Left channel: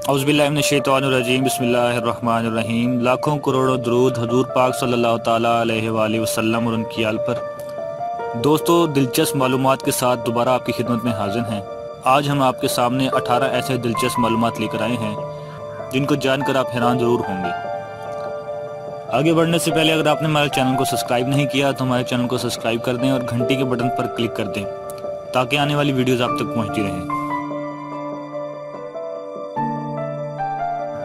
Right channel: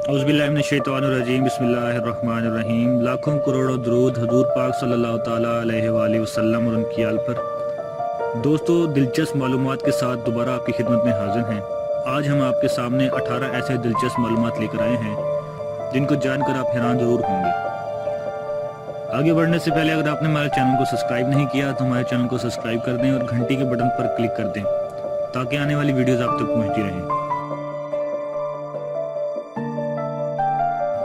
औज़ुबिल्लाहिमिनश्शैतानिर्रजीम बिस्मिल्लाहिर्रहमानिर्रहीम। लाखों करोड़ों दरूद हजूर पाक सल्लल्लाहु ताला अलैहि वसल्लम और उनकी आल पर। दोस्तों, दिलचस्प मालूमात के साथ दोबारा आपकी खिदमत में हाजिर हैं। आज हम आपके सामने 18 ऐसे दिलचस्प मालूमात लेकर आए हैं जिनको जानकर आप हैरान ज़रूर होंगे। आगे बढ़ने से पहले अगर आपने हमारे चैनल को सब्सक्राइब नहीं किया तो हमारे चैनल को सब्सक्राइब कर दें और घंटी के बटन पर क्लिक कर दें ताकि आने वाली वीडियोस आप तक पहुंचती रहें।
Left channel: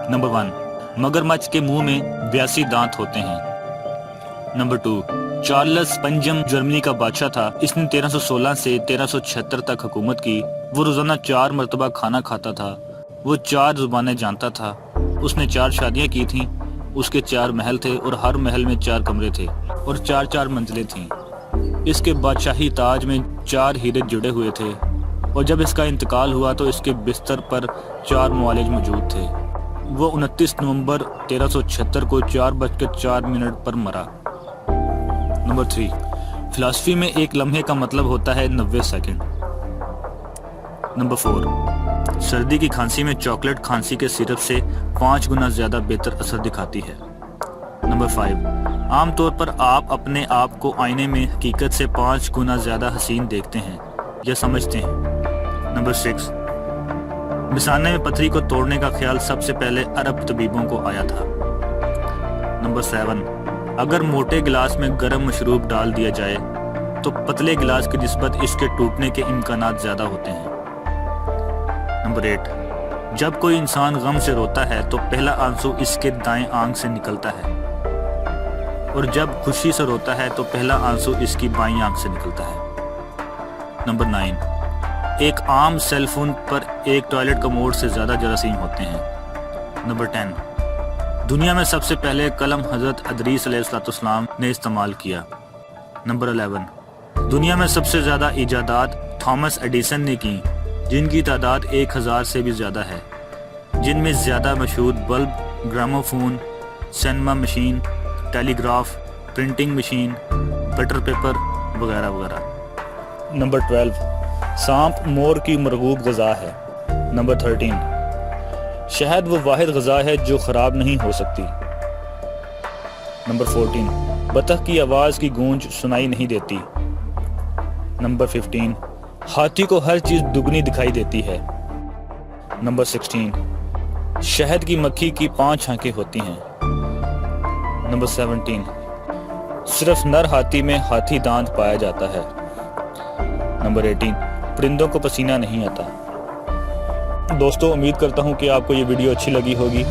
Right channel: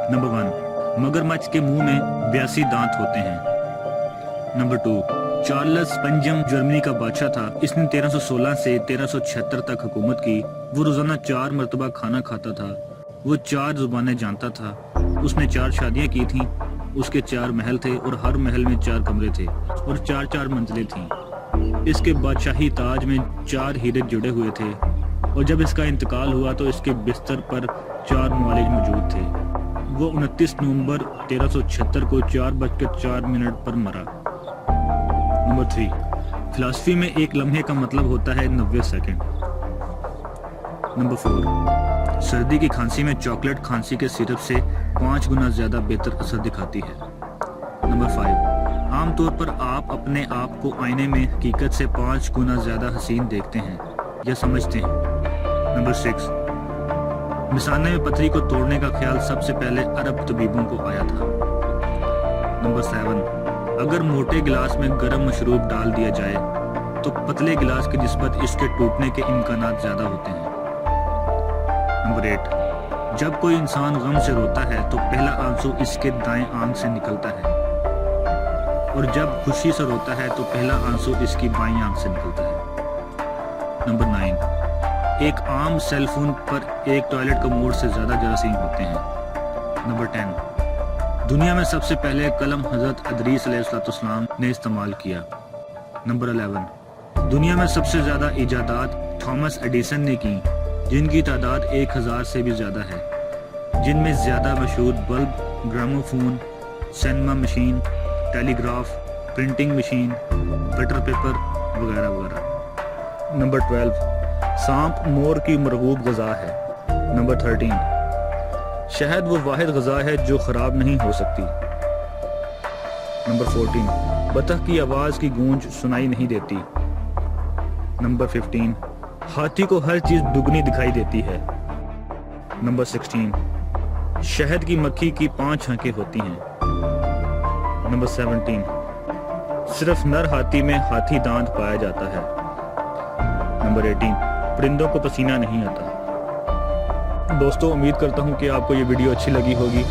नंबर 1, मगरमच्छ के मुंह में 82 दांत होते हैं। नंबर 2, चार्ल्स पंजम जर्मनी का बादशाह था। इसने 1316 से 1376 तक हुकूमत की। वो रोजाना 4 मरतबा खाना खाता था। वो 4 जुबानें जानता था। उसने 4 शादियां की थीं। उसके 4 महल थे और हर महल में 4 कमरे थे और 4-4 मंजिलें थीं। इसके बादशाही ताज में 4 हीरे जुड़े हुए थे और जब इसका इंतकाल हुआ तो इसके बिस्तर पर 4 मुआलिज मौजूद थे। वो 29 नवंबर 1376 को 4:04 पर मरा। नंबर 3, फिलॉसफी में एक लम्हे का मतलब होता है 90 सेकंड। नंबर 4, सर्दी की खांसी में चॉकलेट खांसी के सिरप से 5 गुना ज्यादा बेहतर असर दिखाती है। नंबर 5, आमतौर पर आप अपने आप को आईने में हकीकत से 5 गुना ज्यादा हसीन देखते हैं या समझते हैं। नंबर 6, मिसाने में पथरी को तोड़ने का ख्याल सबसे पहले अरब तबीबों को आया था। नंबर 7, अगर मोटे गिलास में गर्म मशरूब डाल दिया जाए तो पतले गिलास की निस्बत इसके टूटने के इम्कानात ज्यादा होते हैं। नंबर 8, जब कोई इंसान गम से रोता है तो पहला आंसू इसके दाएं आंख से निकलता है और जब खुशी से रोता है तो पहला आंसू इसकी बाईं आंख से निकलता है। नंबर 9, एक आम सेल फोन पर एक टॉयलेट कमोड से ज्यादा जरासीम होते हैं। नंबर 10, दुनिया में सबसे पहले कलम हजरत अदरीस अलैहिस्सलाम ने इस्तेमाल किया। नंबर 11, दुनिया में सबसे ज्यादा इजादात थॉमस एडिसन ने की जिनकी तादाद 1000 से भी ज्यादा है, जिनमें ज्यादा मशहूर bulb, gramophone, cinema machine, telegraph, printing machine, butter paper वगैरह वगैरह। नंबर 12, सांप मोर की मरगूब ग़िज़ा है। नंबर 13, शहद वो वाहिद ग़िज़ा है जो ख़राब नहीं हो सकती। नंबर 14, बतख की आवाज़ की गूंज सुनाई नहीं देती। नंबर 15, हाथी को हर चीज़ दुगनी दिखाई देती है। नंबर 16, शहद की मक्खी की 5 आंखें होती हैं। नंबर 17, सिर्फ नर हाथी में हाथी दांत पाया जाता है। नंबर 18, परिंदों को पसीना नहीं आता। दोस्तों, उम्मीद करता हूं कि आपको ये वीडियो अच्छी लगी होगी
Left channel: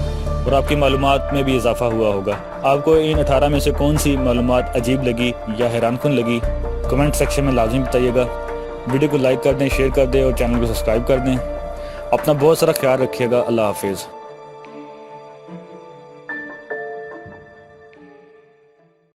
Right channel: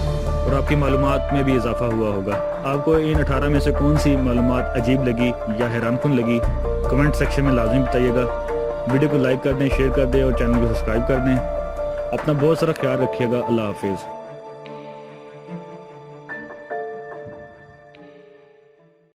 और आपकी मालूमात में भी इजाफा हुआ होगा। आपको इन 18 में से कौन सी मालूमात अजीब लगी या हैरानकुन लगी, कमेंट सेक्शन में लाजमी बताइएगा। वीडियो को लाइक कर दें, शेयर कर दें और चैनल को सब्सक्राइब कर दें। अपना बहुत सारा ख्याल रखिएगा। अल्लाह हाफिज़।